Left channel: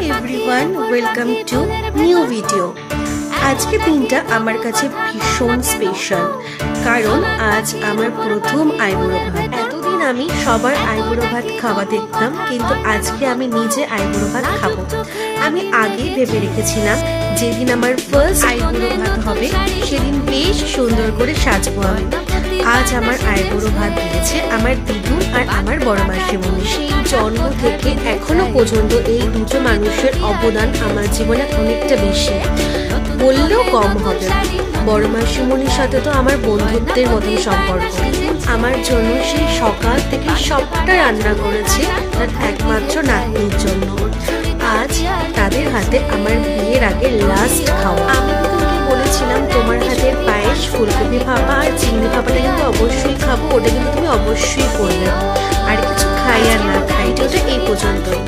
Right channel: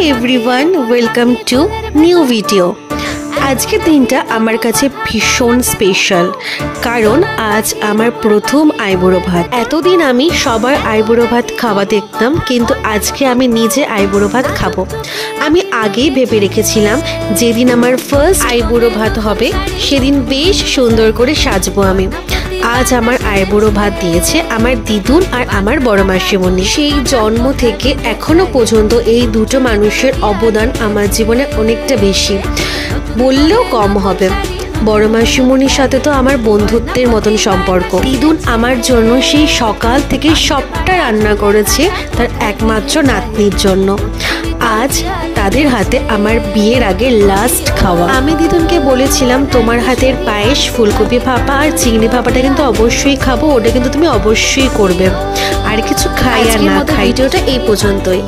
Everyone welcome to new video. आज के दिनটা আমার কাছে ভীষণ স্পেশাল, কারণ আজ আমার প্রথম আইবুড়ো ভাত। এতদিন আমি সবার আইবুড়ো ভাত খাওয়া দেখতাম, কিন্তু আজকে আমি নিজে আইবুড়ো ভাত খাবো। আমি আগেই ভেবে রেখেছিলাম যেদিন আমার ফার্স্ট আইবুড়ো ভাত হবে সেদিন বেশ সুন্দর করে সাজবো আমি। আজ আমার আইবুড়ো ভাত দিয়েছে আমার দিদুন আর আমার বড় মাসিমণি। সেই জন্ম থেকে এখনো পর্যন্ত এই দুটো মানুষের অবদান আমার জীবনে অনেকটা বেশি, বললেও কম হবে। বড় মাসিমণির সাথে তো আমার বন্ধুত্বের মতন সম্পর্ক। দিদুন আমার জন্য সেই সকাল থেকে সবটা রান্না করেছে তার একমাত্র নাতনির জন্য। আজ তাদের হাতে আমার বিয়ের আগে লাস্ট খাওয়া। আমি দিদুনকে বলেছিলাম তোমার হাতের পায়েস, ফুলকপি ভাপা আর চিংড়ি ভাপাটা কিন্তু অবশ্যই খাবো, ওটা কিন্তু তুমি অবশ্যই করবে। আর কিছু খাই আর না খাই, ওটা এই পর্যন্তই।